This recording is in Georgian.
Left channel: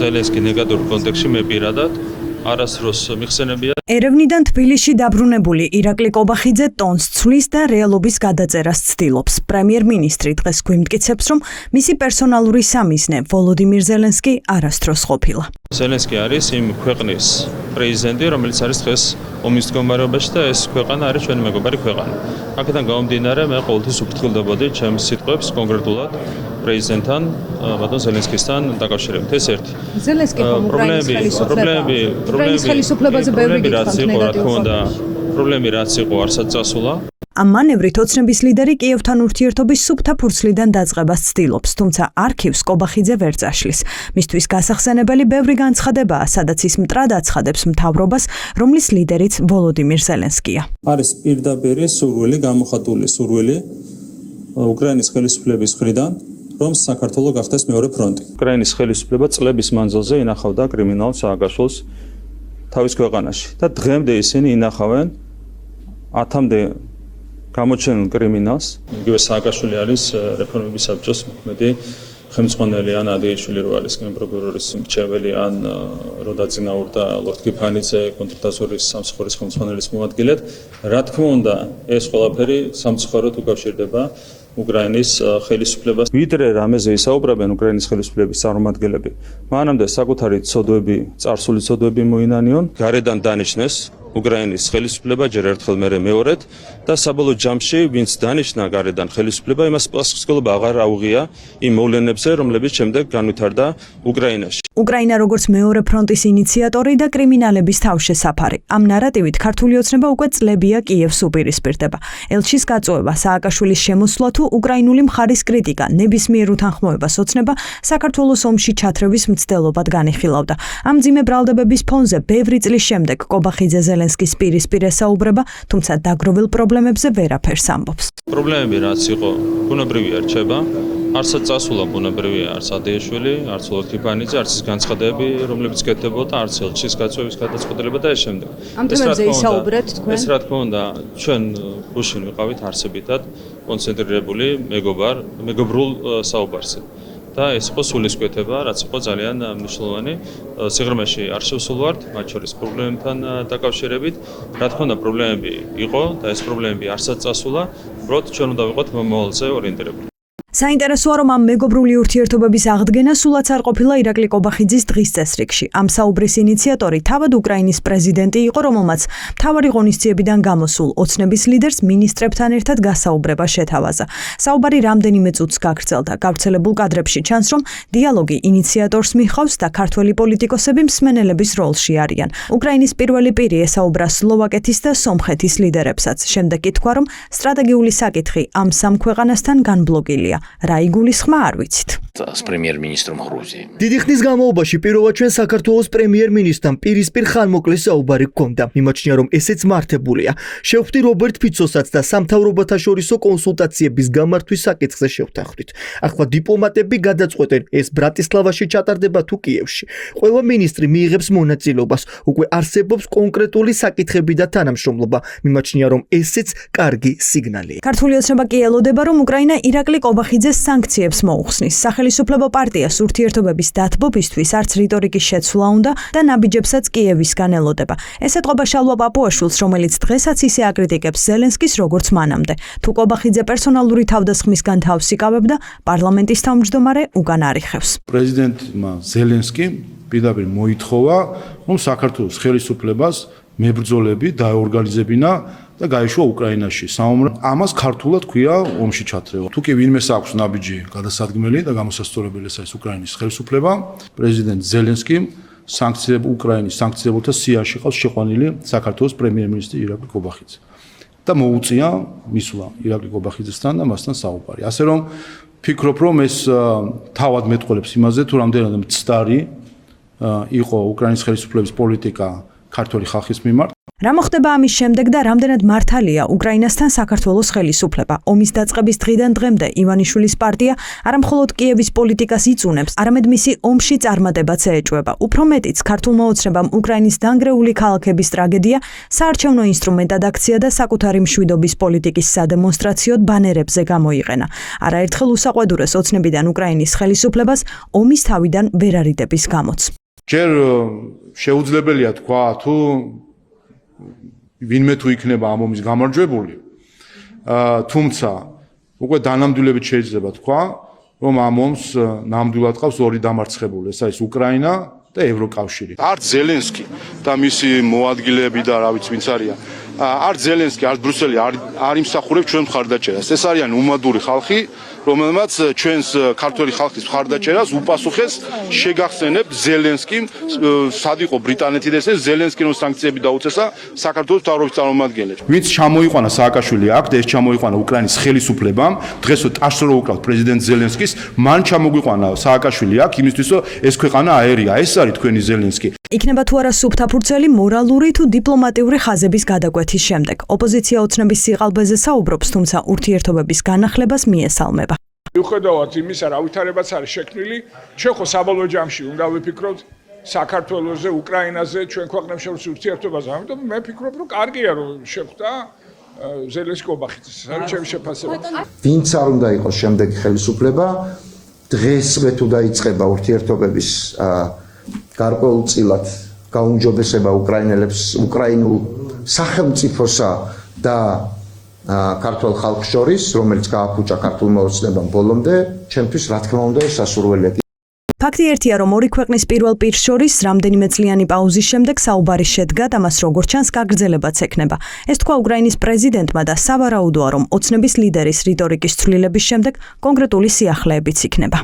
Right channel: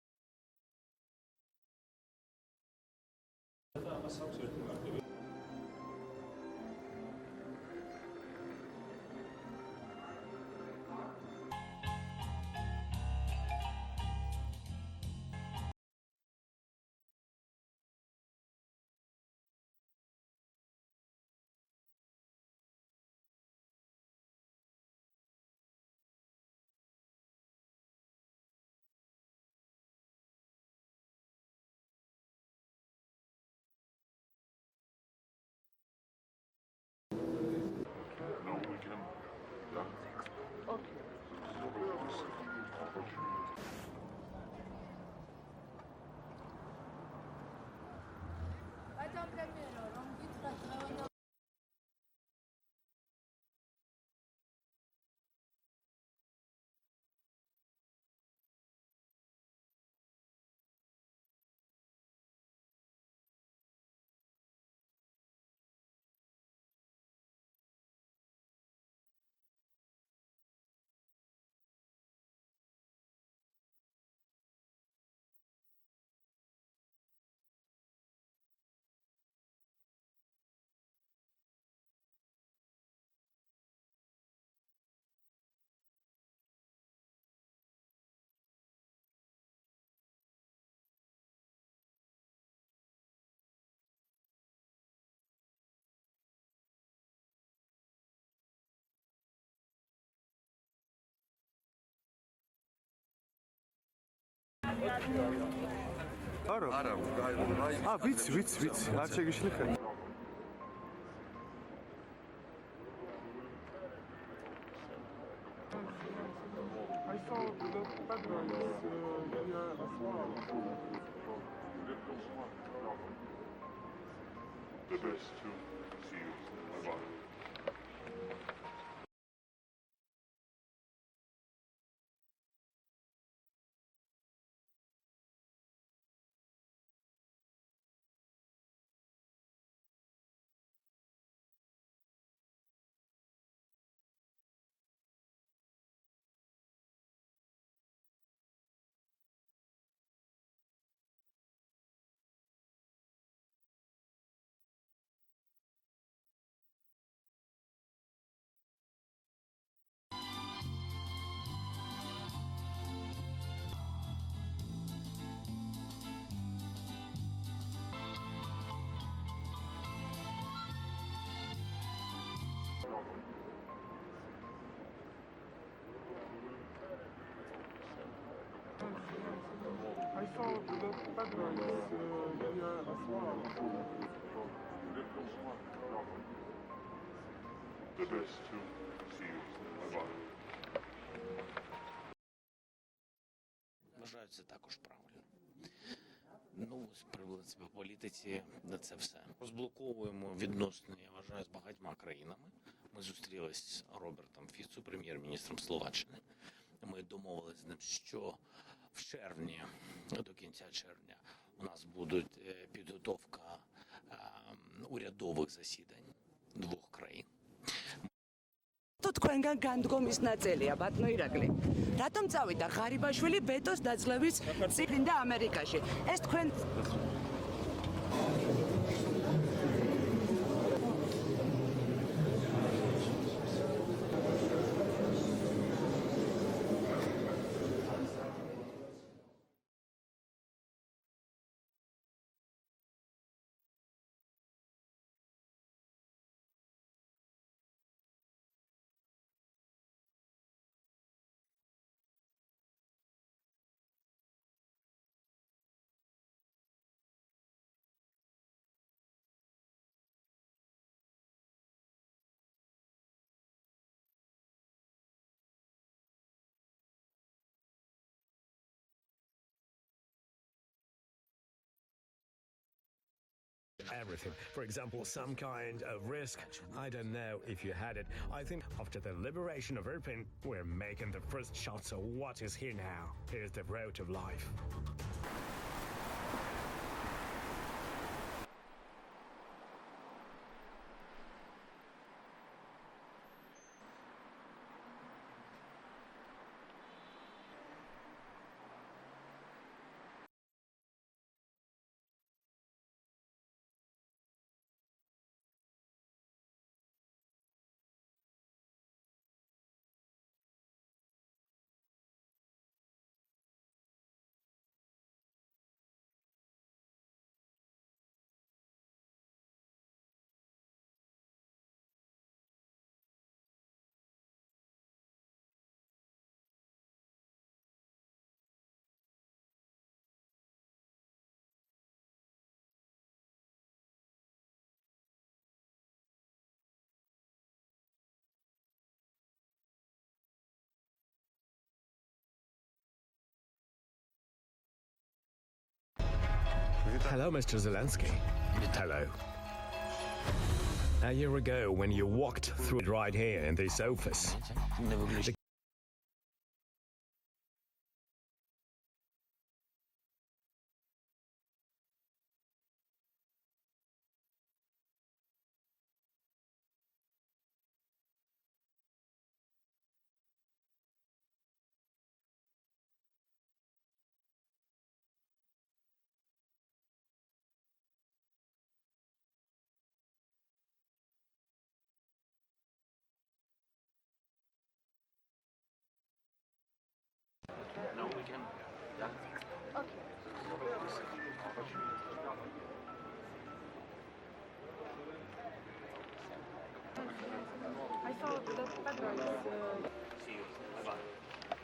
ზელენსკი ნეგატიურ კონტექსტში მე პირადად არასდროს მიხსენებია. ერევნიდან თბილისში დაბრუნებული ირაკლი კობახიძე ტონს ცვლის და რეალობის გადაწერას ცდილობს. პრემიერ-მინისტრი დღეს გვიმტკიცებს, რომ მისი პერსონალური სამიზნე ვოლოდიმირ ზელენსკი არასდროს ყოფილა. ზელენსკი არის იმ ქვეყნის პრეზიდენტი, რომელიც არის დღეს ომის მდგომარეობაში და ეს ქვეყანა არის ჩვენი მეგობარი ქვეყანა. აქედან გამომდინარე, მე ყოველთვის უფრთხილდებოდი ჩემს სიტყვებს კონკრეტულად პრეზიდენტთან, ბატონ ზელენსკისთან დაკავშირებით. ეს ერთი. ზელენსკი უკრაინის ხელისუფლებაზე ბევრი გითხრა. პრობლემები რაც იყო, არსად წასულა. ამ მანევრით ოცნების ლიდერი კიევთან ურთიერთობის სუფთა ფურცლიდან დაწყებას ცდილობს, თუმცა არქივს კობახიძე ვერ წაშლის. მისთვის გასახსენებელი ბევრი განცხადებაა, სადაც ის მტრად აცხადებს მთავრობას, რომლის ლიდერიც ვოლოდიმირ ზელენსკია. არის პირდაპირი სურვილი, გამოხატული სურვილი უკრაინის ხელისუფლების მხრიდან, რომ საქართველო გახდეს მეორე ფრონტი. უკრაინის ხელისუფლება წლების მანძილზე ინახავდა კრიმინალ სააგაშვილს თავის ქვეყანაში და დღემდე ისინი ინახავენ 10-მდე გამოჩენილ კრიმინალს. იგივე სააგაშვილი არის რეფორმების საბჭოს მოქმედი ხელმძღვანელი ან ადიეშვილი რო არის გენპროკურორის მრჩეველი ან რო დაწინაურდა ლორდ კიფანიძე კონტრდაზვერის სამსახურის ხელმძღვანელის მოადგილედ. რა თქმა უნდა, ეს ყველაფერი სამწუხაროდ უკავშირდება უკრაინის ხელისუფლებას. ვიდრე რამეზე ისაუბრებენ უკრაინის ხელისუფლების წარმომადგენლები, მანამდე საკუთარი ცოდვები, წარსული ცოდვები მოინანიონ, გარედან დანიშნეს უკრაინის ხელისუფლება ჯერ ერთხელ მერე მეორედ და საბოლოო ჯამში ვინც დანიშნა გარედან ხელისუფლება იმას პასუხისმგებლობა აღარ აუღია იმ მოვლენებზე, რომლებიც შემდეგ განვითარდა უკრაინაში. უკრაინა როგორც მეორე ფრონტის ინიციატორი და კრიმინალების თავშესაფარი. ამ ნარატივით ქართული ოცნება უკვე წლებია კიევს უპირისპირდება. ელჩის გაწვევა, სააკაშვილის შემოსვლა თუ უკრაინული მხარის კრიტიკა, ნებისმიერ უთანხმოებას ოცნება საქართველოს ომში ჩათრევის მცდელობად განიხილავდა. ამ მძიმე ბრალდებების ფონზე ბევრი წლის შემდეგ კობახიძე ზელენსკის პირისპირ ესაუბრება, თუმცა დაგროვილ პრობლემებზე ვერაფერს ამბობს. პრობლემები რაც იყო, ბუნებრივია რჩება. არსად წასულა ბუნებრივია, არც ადიეშვილი, არც ლორდ კიფანიძე, არც ის განცხადებები, რომლებიც კეთდებოდა, არც ელჩის გაწვევის გადაწყვეტილება და ეს შემდეგ. ამ თემებზე ისაუბრეთ თქვენ? ეს რა თქმა უნდა, ჩვენ გუშინ ვიყავით არსებითად კონცენტრირებული მეგობრულ საუბარზე. და ეს იყო სულისკვეთება, რაც იყო ძალიან მნიშვნელოვანი. სიღრმეში არ შევსულვართ, მათ შორის პრობლემებთან დაკავშირებით. რა თქმა უნდა, პრობლემები იყო და ეს პრობლემები არსად წასულა, უბრალოდ ჩვენ უნდა ვიყოთ მომავალზე ორიენტირებული. საინტერესოა, რომ ამ მეგობრული ურთიერთობების აღდგენა სულაც არ ყოფილა ირაკლი კობახიძის დღის წესრიგში. ამ საუბრის ინიციატორი თავად უკრაინის პრეზიდენტი იყო, რომელმაც მთავარი ღონისძიებიდან გამოსულ ოცნების ლიდერს მინისტრებთან ერთად გასაუბრება შეთავაზა. საუბარი რამდენიმე წუთს გაგრძელდა. გავრცელებულ კადრებში ჩანს, რომ დიალოგი ინიციატორს მიჰყავს და ქართველი პოლიტიკოსები მსმენელების როლში არიან. უკრაინის პირველი პირი ესაუბრა სლოვაკეთის და სომხეთის ლიდერებსაც. შემდეგ კი თქვა, რომ სტრატეგიული საკითხი ამ სამ ქვეყანასთან განბლოკილია. რა იგულისხმა არ ვიცით. с премьер-министром Грузии. დიდი ხნის განმავლობაში პირველად ჩვენ საქართველოს პრემიერ-მინისტრთან პირისპირ ხანმოკლე საუბარი გქონდა. მიმაჩნია, რომ ესეც მართებულია. შევხვდი რობერტ ფიცოსაც და სამთავრობათა შორისო კონსულტაციების გამართვის საკითხზე შევთანხმდით. ახლა დიპლომატები გადაწყვეტენ, ეს ბრატისლავაში ჩატარდება თუ კიევში. ყველა მინისტრი მიიღებს მონაწილეობას. უკვე არსებობს კონკრეტული საკითხები და თანამშრომლობა. მიმაჩნია, რომ ესეც კარგი სიგნალია. ქართული ოცნება კი ელოდება, რომ უკრაინა ირაკლი კობახიძეს სანქციებს მოუხსნის. სახელმწიფო პარტიას ურთიერთობების დათბობისთვის არც რიტორიკის შეცვლა უნდა და ნაბიჯებსაც კიევისგან ელოდება. ეს ეთყობა შალვა პაპუაშვილს, რომელიც დღესაც ისე აკრიტიკებს ზელენსკის როგორც მანამდე. თუ კობახიძე პერსონალური თავდასხმისგან თავს იკავებდა, პარლამენტის თავმჯდომარე უკან არიხევს. პრეზიდენტმა ზელენსკიმ პირდაპირ მოითხოვა, რომ საქართველოს ხელისუფლებას მებრძოლები დაეორგანიზებინა და გაიშვა უკრაინაში. ამას ქართულად ქვია ომში ჩათრევა. თუ კი ვინმეს აქვს ნაბიჯი გადასადგმელი და გამოსასწორებელი ეს უკრაინის ხელისუფლება, პრეზიდენტ ზელენსკიმ უკრაინის სანქციებულთა სიაში ყავს შეყვანილი საქართველოს პრემიერ-მინისტრი ირაკლი კობახიძე. და მოუწია მისვლა ირაკლი კობახიძესთან და მასთან საუბარი. ასე რომ ფიქრობ, რომ ეს თავად მეტყოლებს იმაზე, თუ რამდენად მცდარი იყო უკრაინის ხელისუფლების პოლიტიკა ქართული ხალხის მიმართ. რა მოხდება ამის შემდეგ და რამდენად მართალია უკრაინასთან საქართველოს ხელისუფლება? ომის დაწყების დღიდან დღემდე ივანიშვილის პარტია არამხოლოდ კიევის პოლიტიკას იწუნებს, არამედ მისი ომში წარმატებაც ეეჭვება. უფრო მეტიც, ქართულმა ოცნებამ უკრაინის დანგრეული ქალაქების ტრაგედია საარჩევნო ინსტრუმენტად აქცია და საკუთარი მშვიდობის პოლიტიკის სადემონსტრაციოდ ბანერებზე გამოიყენა. არაერთხელ უსაყვედურეს ოცნებიდან უკრაინის ხელისუფლებას ომის თავიდან ვერ არიდების გამოც. ჯერ შეუძლებელია თქვა თუ ვინმე თუ იქნება ამ ომის გამარჯვებული, თუმცა უკვე დანამდვილებით შეიძლება თქვა, რომ ამ ომს ნამდვილად ყავს ორი დამარცხებული, ეს არის უკრაინა და ევროკავშირი. არც ზელენსკი და მისი მოადგილეები და რა ვიცი ვინც არიან, არც ზელენსკი, არც ბრიუსელი არ იმსახურებს ჩვენ მხარდაჭერას. ეს არიან უმადური ხალხი, რომელმაც ჩვენს ქართველი ხალხის მხარდაჭერას უპასუხეს შეგახსენებთ ზელენსკიმ, სად იყო ბრიტანეთი და ესე ზელენსკი რომ სანქციები დაუწესა საქართველოს მთავრობის წარმომადგენლებს. ვინც ჩამოიყვანა სააკაშვილი აქ და ეს ჩამოიყვანა უკრაინის ხელისუფლებამ, დღეს ტაშს რო უკრავთ პრეზიდენტ ზელენსკის, მან ჩამოგვიყვანა სააკაშვილი აქ იმისთვის რომ ეს ქვეყანა აერია, ეს არის თქვენი ზელენსკი. იქნება თუ არა სუფთაფურცელი მორალური თუ დიპლომატიური ხაზების გადაკვეთის შემდეგ. ოპოზიცია ოცნების სიყალბეზე საუბრობს, თუმცა ურთიერთობების განახლებას მიესალმება. მიუხედავად იმისა, რა ვითარებაც არის შექმნილი, ჩვენ ხო საბოლოო ჯამში უნდა ვიფიქროთ საქართველოზე, უკრაინაზე, ჩვენ ქვეყნებს შორის ურთიერთობაზე. ამიტომ მე ვფიქრობ, რომ კარგია რომ შეხვდა ზელენსკი ობახიძის. ეს არის ჩემი შეფასება. ვინც არ უნდა იყოს შემდეგი ხელისუფლება, დღესვე თუ დაიწყება ურთიერთობების გარკვეულწილად გაუმჯობესება უკრაინელებს, უკრაინულ სახელმწიფოსა და ქართულ ხალხს შორის, რომელიც გააფუჭა ქართულმა ოცნებამ ბოლომდე, ჩემთვის რა თქმა უნდა ეს სასურველია. ფაქტი ერთია, რომ ორი ქვეყნის პირველ პირს შორის რამდენიმე წლიანი პაუზის შემდეგ საუბარი შედგა და მას როგორც ჩანს გაგრძელებაც ექნება. ეს თქვა უკრაინის პრეზიდენტმა და სავარაუდოა, რომ ოცნების ლიდერის რიტორიკის ცვლილების შემდეგ კონკრეტული სიახლეებიც იქნება.